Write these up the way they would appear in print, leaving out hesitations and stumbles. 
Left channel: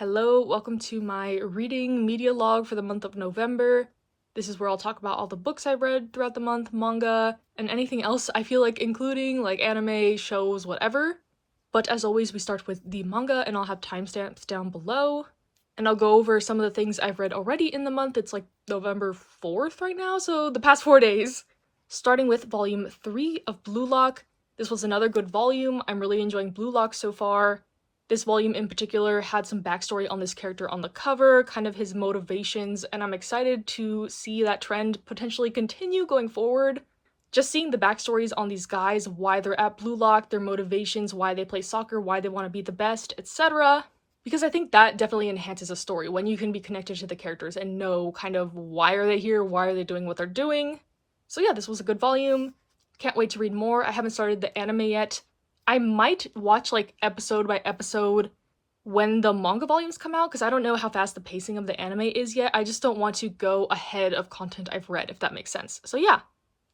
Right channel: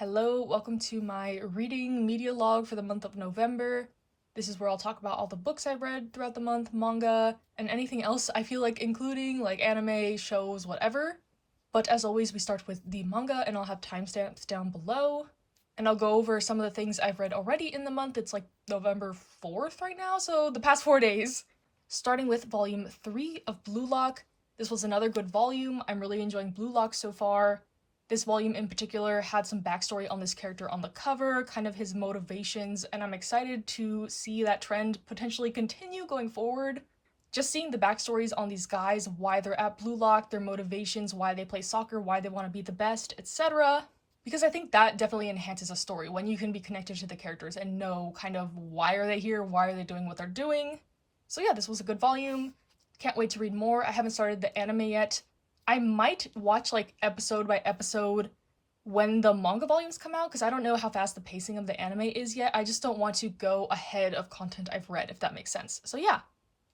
Hello, welcome to my reading media log for the month of November. This is where I'll talk about all the books I read throughout the month, manga, and anything else I feel like including, like anime, shows, whatever. But as always, we start with the manga, and I'll have timestamps down below. And I'll go over some of the things I've read already in the month. It's like November 4th right now, so the past 4 days. Starting with volume 3 of Blue Lock. This was another good volume. I'm really enjoying Blue Lock so far. This volume in particular had some backstory on this character on the cover, kind of his motivations, and I'm excited to see that trend potentially continue going forward. Just seeing the backstories on these guys, why they're at Blue Lock, their motivations, why they play soccer, why they want to be the best, etc. Because I think that definitely enhances a story when you can be connected to the characters and know kind of why are they here, why are they doing what they're doing. So yeah, this was a good volume. Can't wait to read more. I haven't started the anime yet. I might watch like episode by episode when the manga volumes come out because I don't know how fast the pacing of the anime is yet. I just don't want to go ahead of content I've read, if that makes sense. So yeah,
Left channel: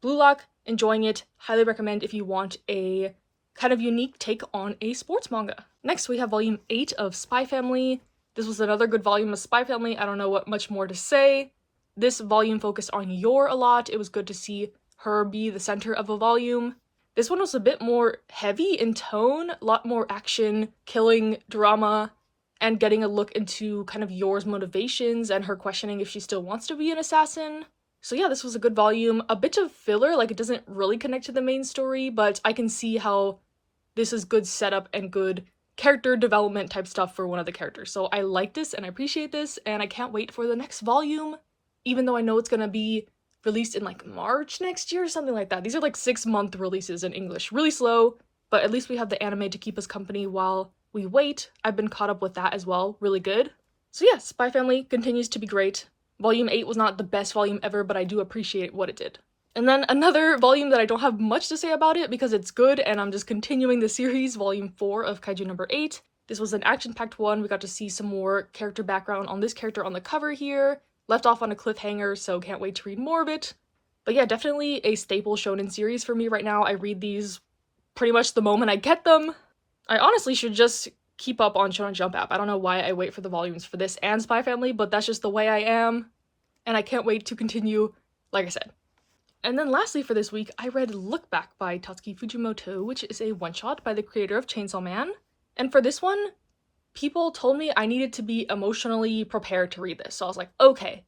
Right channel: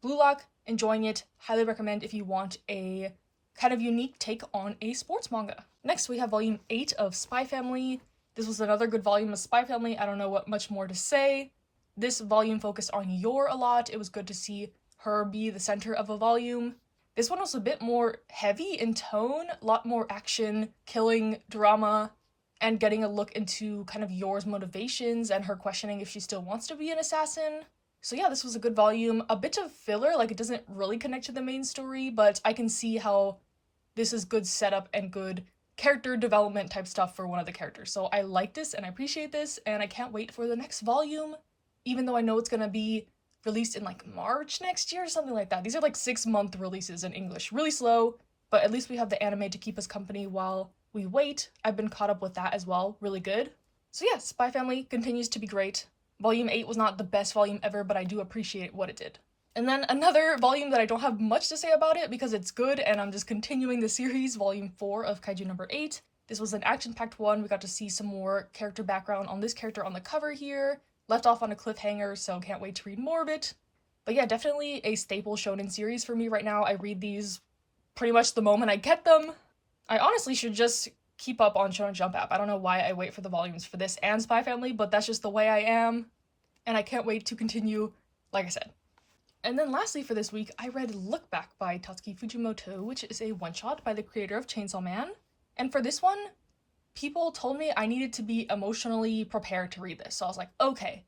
Blue Lock, enjoying it. Highly recommend if you want a kind of unique take on a sports manga. Next, we have volume 8 of Spy Family. This was another good volume of Spy Family. I don't know what much more to say. This volume focused on Yor a lot. It was good to see her be the center of a volume. This one was a bit more heavy in tone, a lot more action, killing, drama, and getting a look into kind of Yor's motivations and her questioning if she still wants to be an assassin. So yeah, this was a good volume. A bit of filler, like it doesn't really connect to the main story, but I can see how this is good setup and good character development type stuff for one of the characters. So I like this and I appreciate this, and I can't wait for the next volume, even though I know it's gonna be released in like March next year or something like that. These are like 6-month releases in English. Really slow, but at least we have the anime to keep us company while we wait. I've been caught up with that as well. Really good. So yeah, Spy Family continues to be great. Volume 8 was not the best volume ever, but I do appreciate what it did. And then another volume that I don't have much to say about it because it's good and I'm just continuing the series, volume 4 of Kaiju number 8. This was an action-packed one. We got to see some more character background on this character on the cover here. Left off on a cliffhanger, so can't wait to read more of it. But yeah, definitely a staple shonen series for me right now. I read these pretty much the moment I get them. I honestly should just keep up on Shonen Jump app. I don't know why I wait for the volumes for this and Spy Family, but that's just the way I am. And I can't wait to continue, like I said. And then lastly for this week, I read Look Back by Tatsuki Fujimoto, which is a one-shot by the creator of Chainsaw Man. And for this one, people told me I needed to be emotionally prepared to read this. So I was like, okay,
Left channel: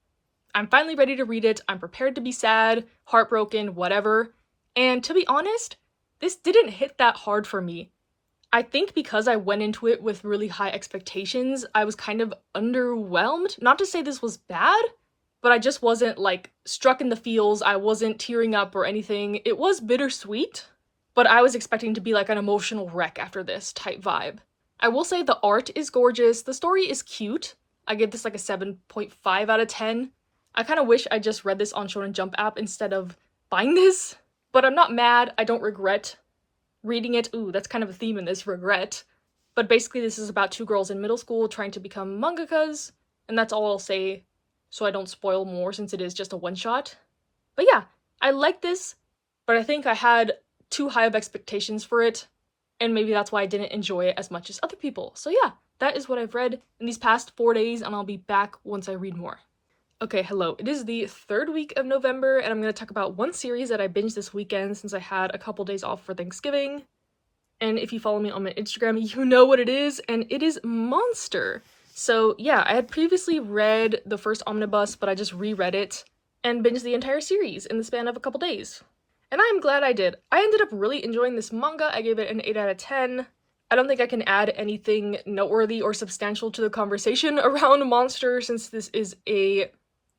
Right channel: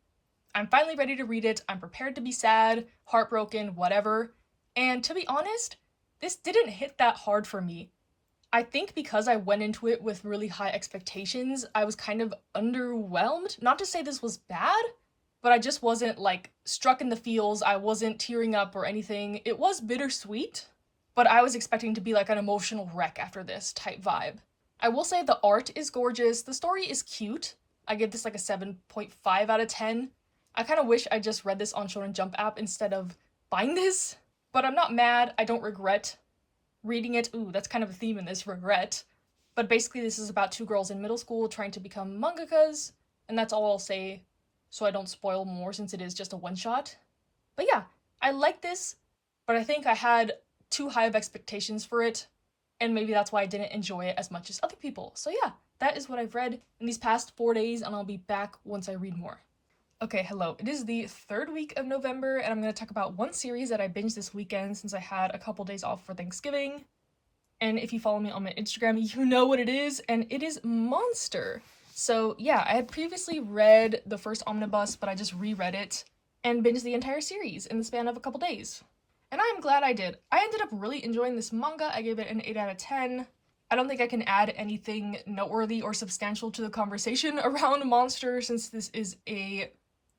I'm finally ready to read it. I'm prepared to be sad, heartbroken, whatever. And to be honest, this didn't hit that hard for me. I think because I went into it with really high expectations, I was kind of underwhelmed. Not to say this was bad, but I just wasn't like struck in the feels. I wasn't tearing up or anything. It was bittersweet, but I was expecting to be like an emotional wreck after this type vibe. I will say the art is gorgeous. The story is cute. I give this like a 7.5 out of 10. I kind of wish I just read this on Shonen Jump app instead of buying this, but I'm not mad. I don't regret reading it. Ooh, that's kind of a theme in this, regret. But basically this is about 2 girls in middle school trying to become mangakas, and that's all I'll say so I don't spoil more since it is just a one-shot. But yeah, I like this, but I think I had too high of expectations for it, and maybe that's why I didn't enjoy it as much as other people. So yeah, that is what I've read in these past 4 days, and I'll be back once I read more. Okay, hello. It is the 3rd week of November, and I'm going to talk about one series that I binged this weekend since I had a couple days off for Thanksgiving. And if you follow me on my Instagram, you know what it is, and it is Monster. So yeah, I had previously read the first omnibus, but I just reread it and binged the entire series in the span of a couple days. And I'm glad I did. I ended up really enjoying this manga. I gave it an 8 out of 10. I don't think I can add anything noteworthy or substantial to the conversation around Monster since this is a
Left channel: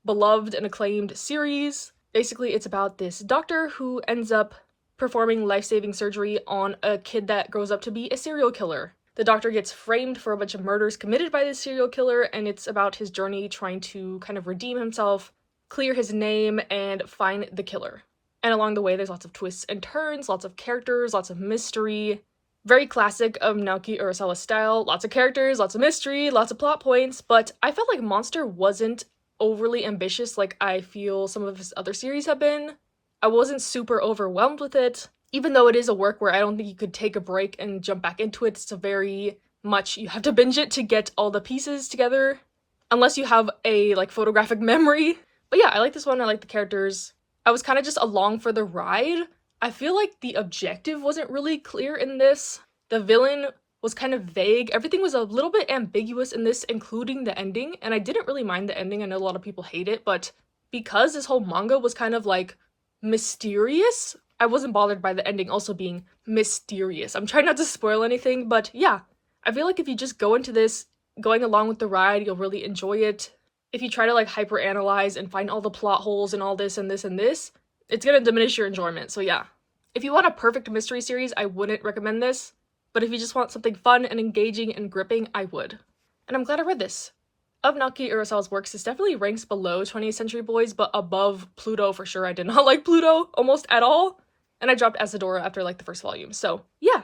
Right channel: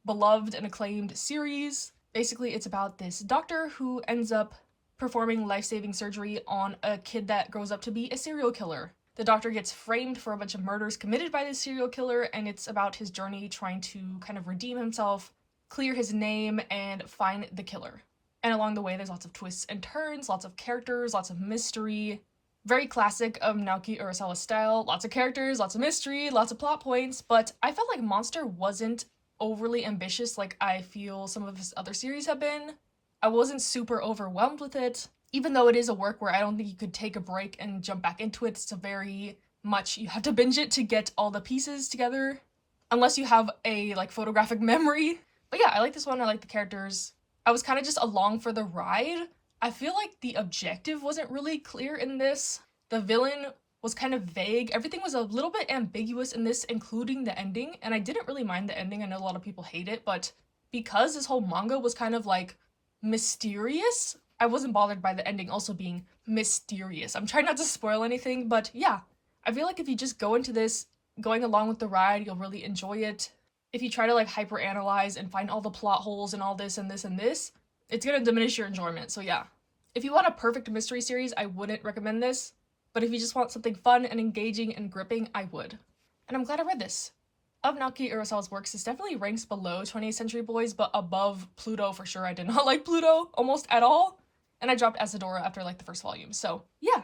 beloved and acclaimed series. Basically, it's about this doctor who ends up performing life-saving surgery on a kid that grows up to be a serial killer. The doctor gets framed for a bunch of murders committed by this serial killer, and it's about his journey trying to kind of redeem himself, clear his name, and find the killer. And along the way, there's lots of twists and turns, lots of characters, lots of mystery. Very classic of Naoki Urasawa style. Lots of characters, lots of mystery, lots of plot points, but I felt like Monster wasn't overly ambitious like I feel some of his other series have been. I wasn't super overwhelmed with it, even though it is a work where I don't think you could take a break and jump back into it. It's a very much you have to binge it to get all the pieces together, unless you have a like photographic memory. But yeah, I like this one. I like the characters. I was kind of just along for the ride. I feel like the objective wasn't really clear in this. The villain was kind of vague. Everything was a little bit ambiguous in this, including the ending, and I didn't really mind the ending. I know a lot of people hate it, but because this whole manga was kind of like mysterious, I wasn't bothered by the ending also being mysterious. I'm trying not to spoil anything, but yeah, I feel like if you just go into this going along with the ride, you'll really enjoy it. If you try to like hyperanalyze and find all the plot holes and all this and this and this, it's gonna diminish your enjoyment. So yeah, if you want a perfect mystery series, I wouldn't recommend this. But if you just want something fun and engaging and gripping, I would. And I'm glad I read this. Of Naoki Urasawa's works, this definitely ranks below 20th Century Boys, but above Pluto for sure. I did not like Pluto almost at all. And I dropped Asadora after like the first volume. So yeah,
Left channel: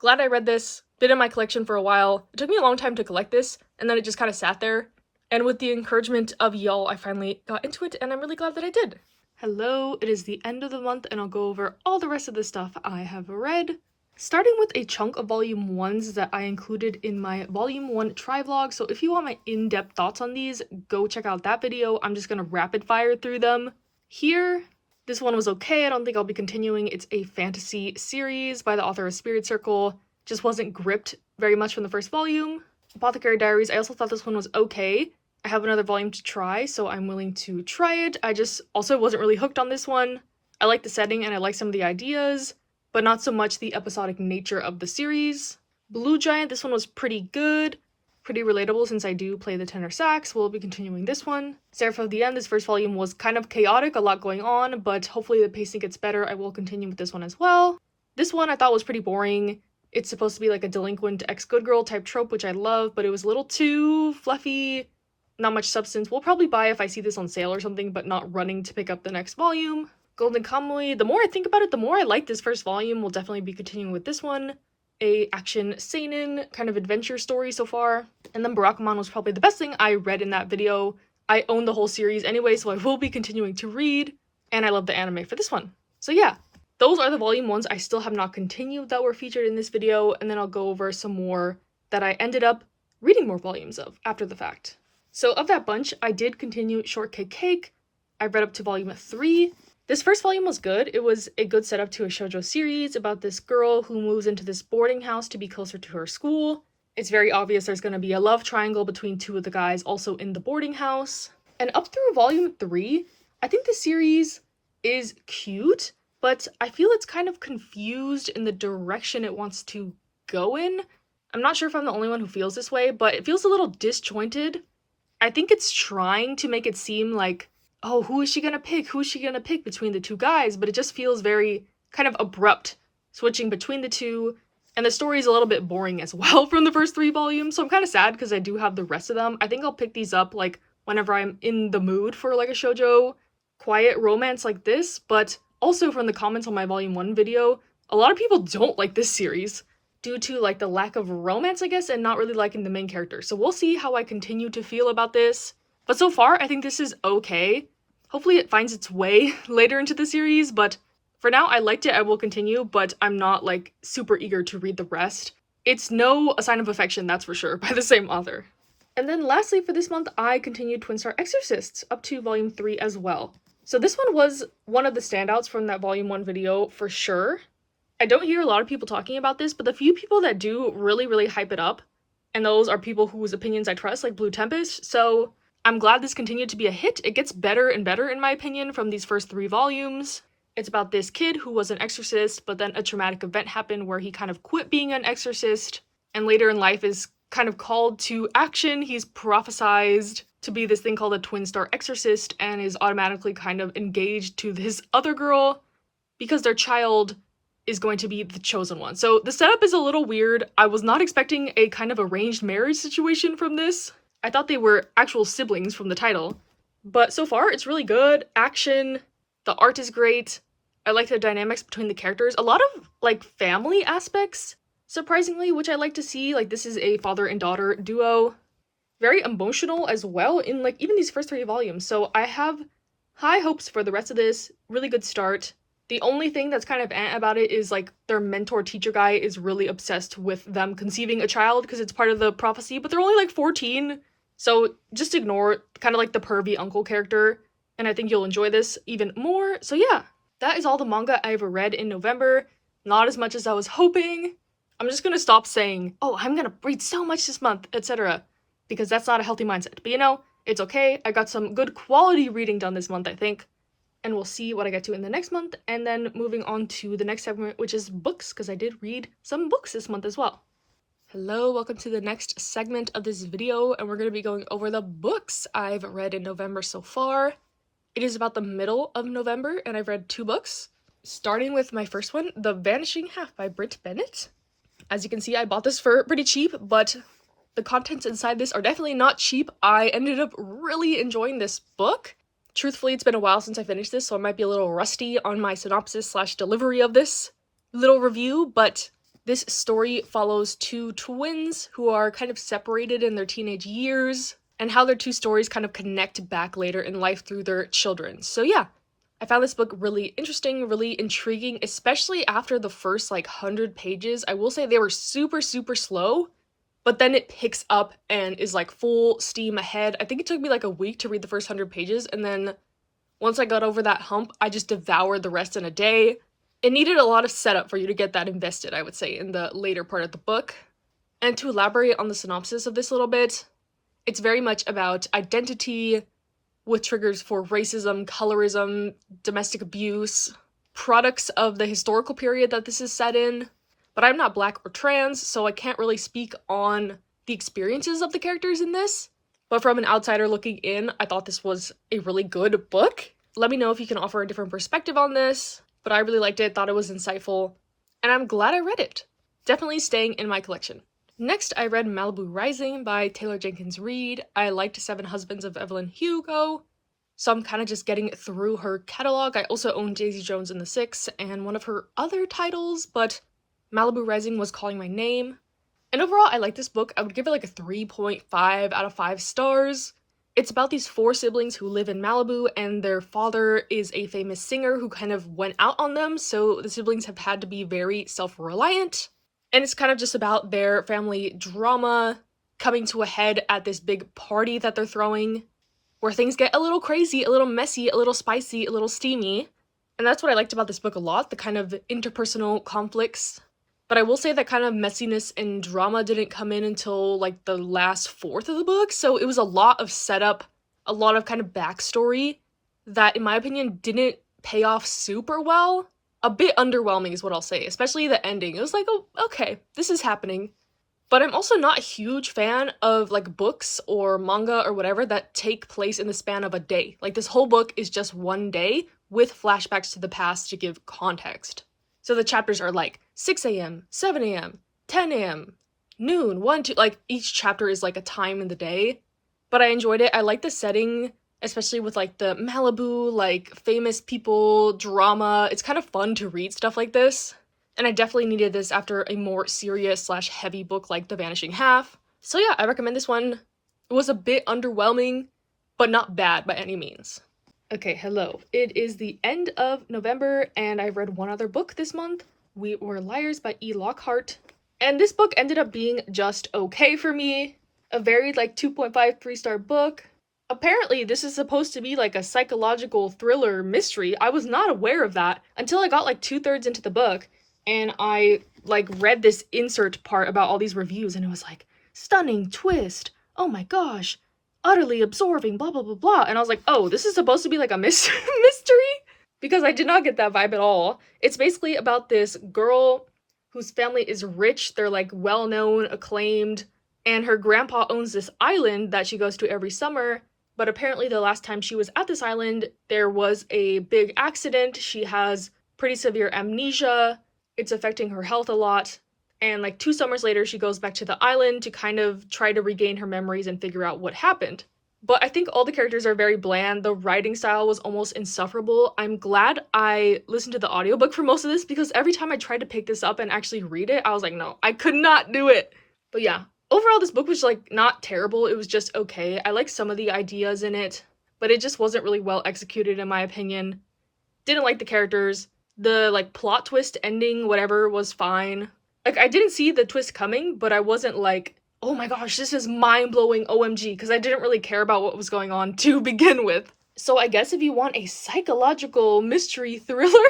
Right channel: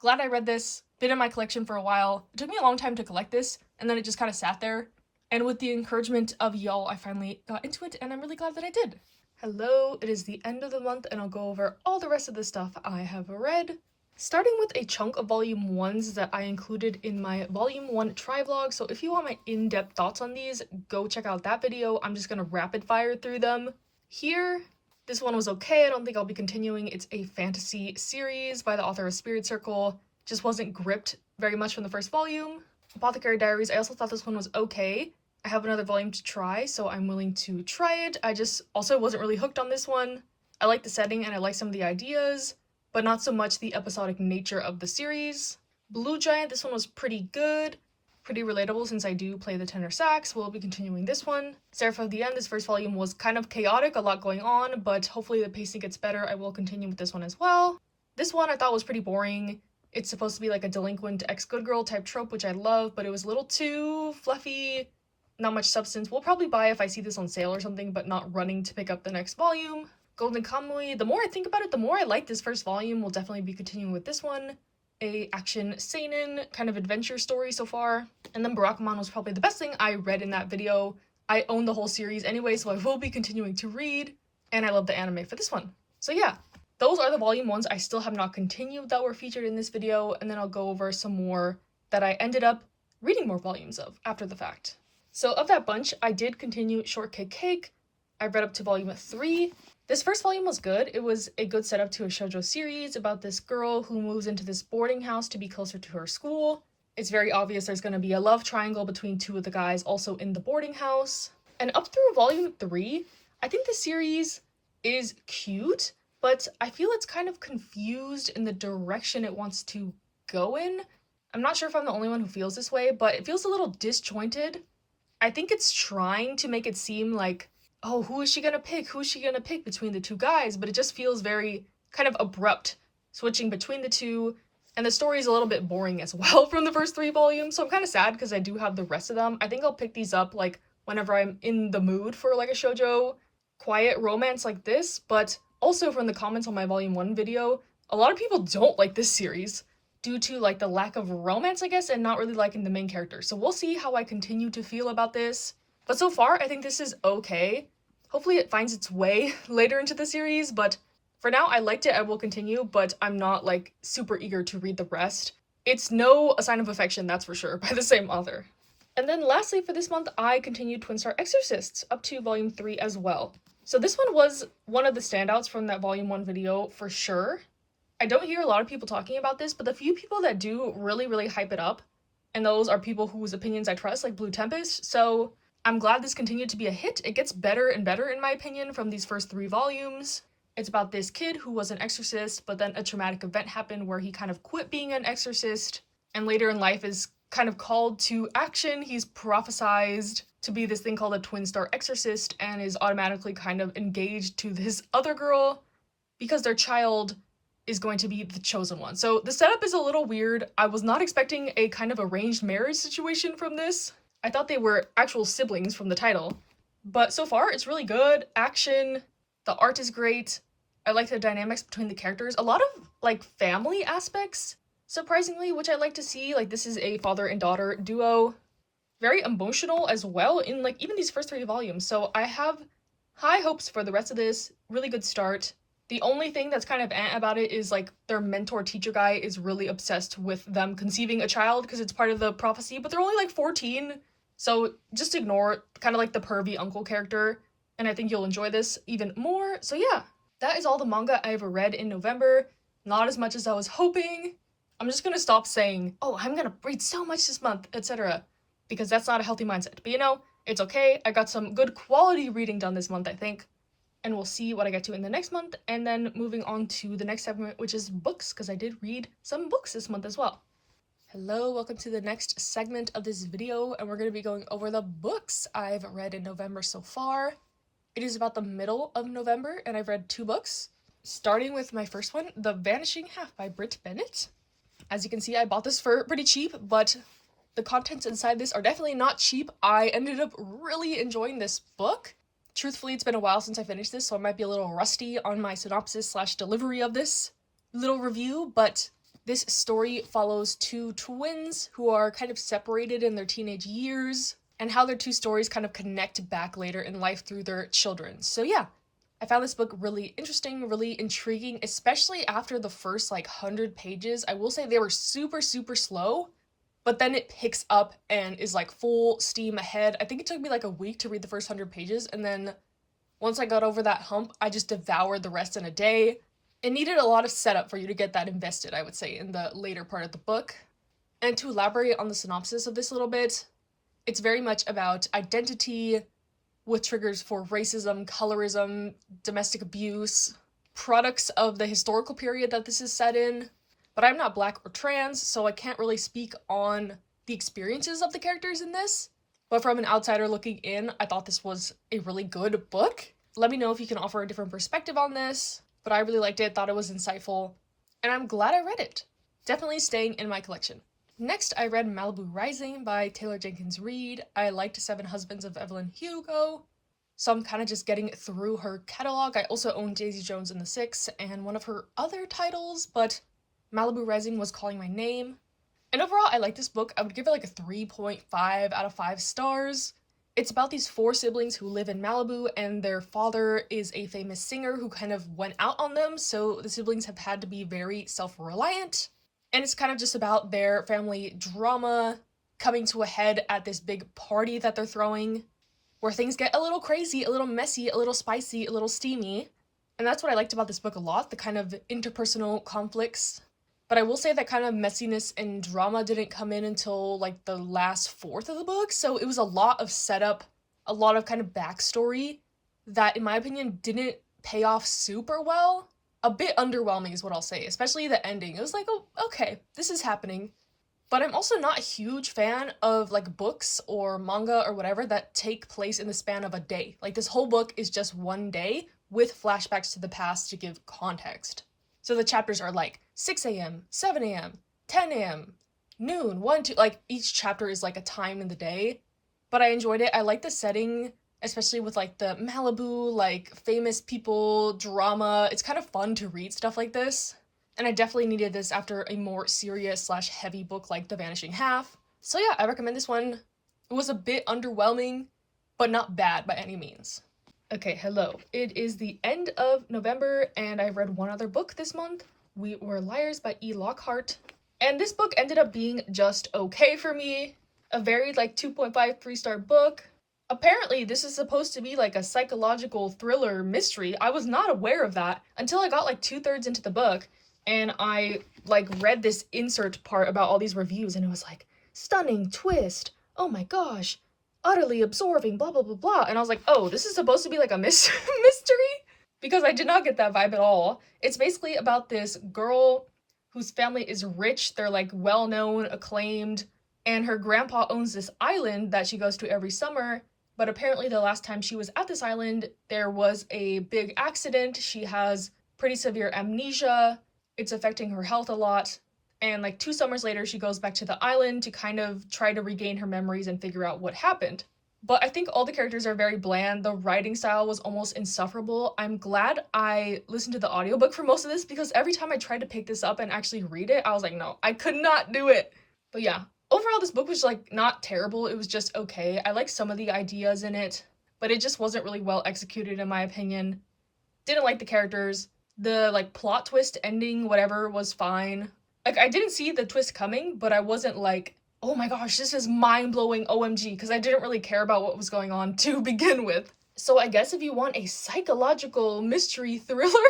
glad I read this. Been in my collection for a while. It took me a long time to collect this, and then it just kind of sat there. And with the encouragement of y'all, I finally got into it, and I'm really glad that I did. Hello, it is the end of the month, and I'll go over all the rest of the stuff I have read. Starting with a chunk of volume 1s that I included in my volume 1 try vlog, so if you want my in-depth thoughts on these, go check out that video. I'm just gonna rapid fire through them. Here, this one was okay. I don't think I'll be continuing. It's a fantasy series by the author of Spirit Circle. Just wasn't gripped very much from the first volume. Apothecary Diaries, I also thought this one was okay. I have another volume to try, so I'm willing to try it. I just also wasn't really hooked on this one. I like the setting and I like some of the ideas, but not so much the episodic nature of the series. Blue Giant, this one was pretty good. Pretty relatable since I do play the tenor sax. We'll be continuing this one. Seraph of the End, this first volume was kind of chaotic, a lot going on, but hopefully the pacing gets better. I will continue with this one as well. This one I thought was pretty boring. It's supposed to be like a delinquent ex-good girl type trope, which I love, but it was a little too fluffy, not much substance. We'll probably buy if I see this on sale or something, but not running to pick up the next volume. Golden Kamuy, the more I think about it, the more I like this first volume. We'll definitely be continuing with this one. A action seinen kind of adventure story so far. And then Barakamon was probably the best thing I read in that video. I own the whole series anyway, so I will be continuing to read, and I love the anime for this one. So yeah, those are the volume 1s I still have not continued that were featured in this video, and then I'll go over some more that I ended up reading more volumes of after the fact. So of that bunch, I did continue Shortcake Cake. I read up to volume 3. This first volume was good. It was a good setup to a shoujo series about this girl who moves into this boarding house to be closer to her school. It's very obvious there's going to be a love triangle between two of the guys also in the boarding house. And up through volume 3, I think the series is cute, but I feel it's kind of confused in the direction it wants to go in. I'm not sure if I'm the only one who feels this way, but it feels a little disjointed. I think it's trying to make it seem like, oh, who is she gonna pick? Who is she gonna pick between the two guys? But it just feels very kind of abrupt, switching between the two. And the story is a little bit boring as well from the first 3 volumes, so I'm kind of sad because I do have the rest of them. I think I'll pick these up like whenever I'm in the mood for like a shoujo quiet romance like this. But also from the comments on my volume 1 video, a lot of people don't like this series due to like the lack of romance, I guess, and not really liking the main character. So we'll see how I continue to feel about this. But so far, I think this is okay. Hopefully it finds its way later into the series, but for now, I liked it. I will continue, but I'm not like super eager to read the rest. It's no A Sign of Affection, that's for sure, by the same author. And then lastly for this month, I continued Twin Star Exorcists up to volume 3 as well. So this one was one of the standouts from that volume 1 video for sure. I don't hear a lot of people talking about this, but the few people that do really hype it up, and those are people whose opinions I trust, like Blue Tempest, so I'm glad this continued to be a hit. It gets better and better in my opinion from these first 3 volumes. It's about this kid who was an exorcist, but then a traumatic event happened where he kind of quit being an exorcist, and later in life is kind of called to action. He's prophesized to be this thing called a twin star exorcist, and is automatically kind of engaged to this other girl because their child is going to be the chosen one. So the setup is a little weird. I was not expecting a kind of arranged marriage situation from this. I thought they were actual siblings from the title. But so far, it's really good. Action, the art is great. I like the dynamics between the characters. A lot of, like, family aspects, surprisingly, which I like to see. Like, this is a father and daughter duo. Very emotional as well in, like, even these first 3 volumes. So I have high hopes for the rest of this. Really good start. The only thing that's kind of about it is like their mentor teacher guy is really obsessed with them conceiving a child because it's part of the prophecy, but they're only like 14. So just ignore kind of like the pervy uncle character, and I think you'll enjoy this even more. So yeah, that is all the manga I've read in November. Not as much as I was hoping. I'm just gonna stop saying, oh, I'm gonna read so much this month, etc. because that's not a healthy mindset. But you know, it's okay. I got some good quality reading done this month, I think. And we'll see what I get to in the next month, and then moving on to the next segment, which is books, because I did read some books this month as well. Hello, welcome to the next segment of this video, and we're going to be going over the books I've read in November so far. It is about the middle of November, and I've read 2 books, starting with my first one, The Vanishing Half by Britt Bennett. As you can see, I bought this for pretty cheap, but the contents inside this are definitely not cheap. I ended up really enjoying this book. Truthfully, it's been a while since I finished this, so I might be a little rusty on my synopsis / delivery of this little review, but this story follows 2 twins who are kind of separated in their teenage years, and how their 2 stories kind of connect back later in life through their children. So yeah, I found this book really interesting, really intriguing, especially after the first 100 pages. I will say they were super, super slow, but then it picks up and is full steam ahead. I think it took me a week to read the first 100 pages, and then once I got over that hump, I just devoured the rest in a day. It needed a lot of setup for you to get that invested, I would say, in the later part of the book. And to elaborate on the synopsis of this a little bit, it's very much about identity, with triggers for racism, colorism, domestic abuse, products of the historical period that this is set in. But I'm not Black or trans, so I can't really speak on the experiences of the characters in this. But from an outsider looking in, I thought this was a really good book. Let me know if you can offer a different perspective on this, but I really liked it, thought it was insightful, and I'm glad I read it. Definitely staying in my collection. Next, I read Malibu Rising by Taylor Jenkins Reid. I liked 7 Husbands of Evelyn Hugo, so I'm kind of just getting through her catalog. I also own Daisy Jones and the Six and one of her other titles, but Malibu Rising was calling my name. And overall, I like this book. I would give it a 3.5 out of 5 stars. It's about these 4 siblings who live in Malibu, and their father is a famous singer who kind of went out on them, so the siblings have had to be very self-reliant. And it's kind of just about their family drama coming to a head at this big party that they're throwing, where things get a little crazy, a little messy, a little spicy, a little steamy. And that's what I liked about this book a lot, the kind of interpersonal conflicts. But I will say that kind of messiness and drama didn't come in until the last fourth of the book, so it was a lot of setup, a lot of kind of backstory that, in my opinion, didn't pay off super well. A bit underwhelming is what I'll say, especially the ending. It was oh, okay, this is happening. But I'm also not a huge fan of books or manga or whatever that take place in the span of a day. This whole book is just one day with flashbacks to the past to give context. So the chapters are 6 a.m., 7 a.m., 10 a.m., noon, 1, 2, each chapter is a time in the day. But I enjoyed it. I like the setting, especially with the Malibu, famous people, drama. It's kind of fun to read stuff like this. And I definitely needed this after a more serious / heavy book like The Vanishing Half. So yeah, I recommend this one. It was a bit underwhelming, but not bad by any means. Okay, hello. It is the end of November, and I read one other book this month. We Were Liars by E. Lockhart. And this book ended up being just okay for me. A very 2.5, 3-star book. Apparently, this is supposed to be a psychological thriller mystery. I was not aware of that until I got 2/3 into the book, and I read this insert part about all these reviews, and it was stunning twist. Oh my gosh. Utterly absorbing, blah, blah, blah, blah. And I was oh, this is supposed to be a mystery? Because I did not get that vibe at all. It's basically about this girl whose family is rich. They're well-known, acclaimed, and her grandpa owns this island that she goes to every summer. But apparently the last time she was at this island, there was a big accident. She has pretty severe amnesia. It's affecting her health a lot. And 2 summers later, she goes back to the island to kind of try to regain her memories and figure out what happened. But I think all the characters are very bland. The writing style was almost insufferable. I'm glad I listened to the audiobook for most of this, because every time I tried to pick this up and actually read it, I was no, I could not do it. But yeah, overall this book was not terrible. It was just okay. I like some of the ideas in it, but it just wasn't really well executed in my opinion. Didn't like the characters. The like plot twist ending, whatever, was fine. Like I didn't see the twist coming, but I wasn't like, oh my gosh, this is mind-blowing OMG, because I didn't really care about what was going on to begin with. So I guess if you want a psychological mystery thriller,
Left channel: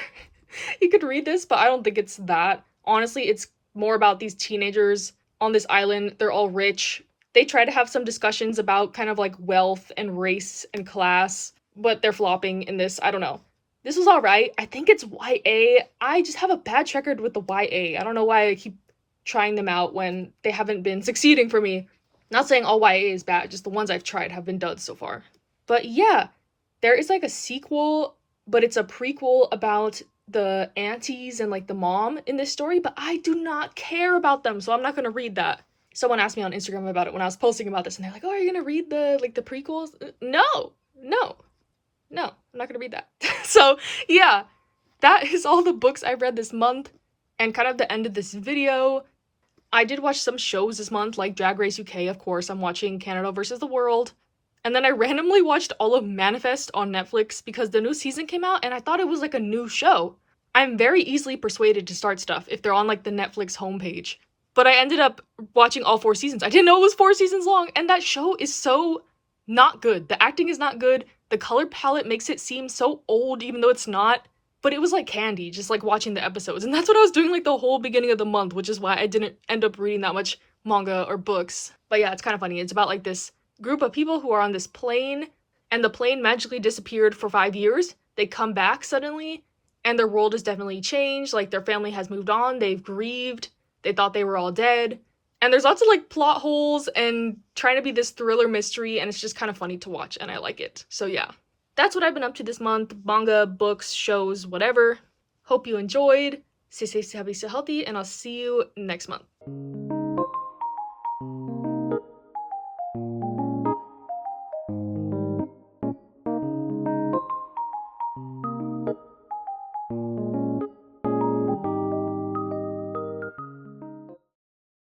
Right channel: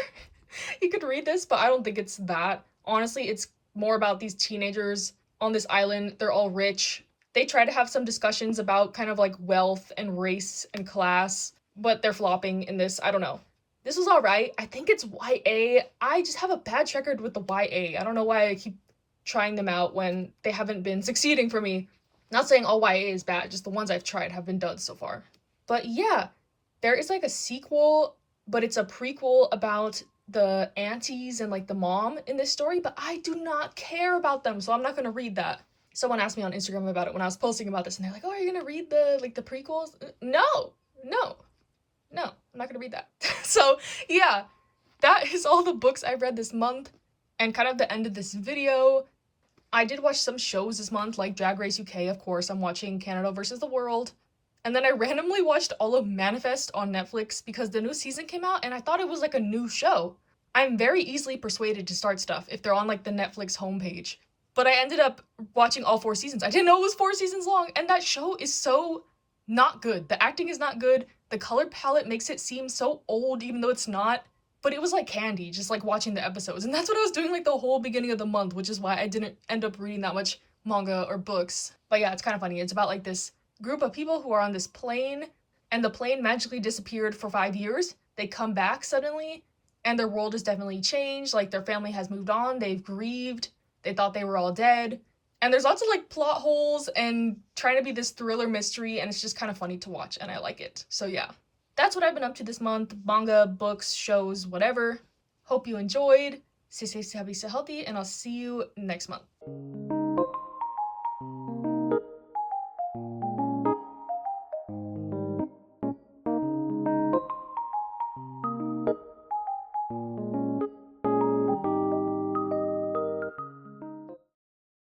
you could read this, but I don't think it's that. Honestly, it's more about these teenagers on this island. They're all rich. They try to have some discussions about kind of like wealth and race and class, but they're flopping in this. I don't know. This was alright. I think it's YA. I just have a bad record with the YA. I don't know why I keep trying them out when they haven't been succeeding for me. Not saying all YA is bad, just the ones I've tried have been duds so far. But yeah, there is like a sequel, but it's a prequel about the aunties and like the mom in this story, but I do not care about them, so I'm not gonna read that. Someone asked me on Instagram about it when I was posting about this, and they're like, oh, are you gonna read the like the prequels? No, I'm not gonna read that. So yeah, that is all the books I read this month, and kind of the end of this video. I did watch some shows this month, like Drag Race UK, of course. I'm watching Canada versus the World. And then I randomly watched all of Manifest on Netflix because the new season came out and I thought it was like a new show. I'm very easily persuaded to start stuff if they're on like the Netflix homepage. But I ended up watching all 4 seasons. I didn't know it was 4 seasons long, and that show is so not good. The acting is not good. The color palette makes it seem so old even though it's not. But it was like candy, just like watching the episodes. And that's what I was doing like the whole beginning of the month, which is why I didn't end up reading that much manga or books. But yeah, it's kind of funny. It's about like this group of people who are on this plane, and the plane magically disappeared for 5 years. They come back suddenly, and their world has definitely changed. Like their family has moved on, they've grieved, they thought they were all dead. And there's lots of like plot holes and trying to be this thriller mystery, and it's just kind of funny to watch, and I like it. So yeah, that's what I've been up to this month. Manga, books, shows, whatever. Hope you enjoyed. Stay safe, stay happy, stay healthy, and I'll see you next month.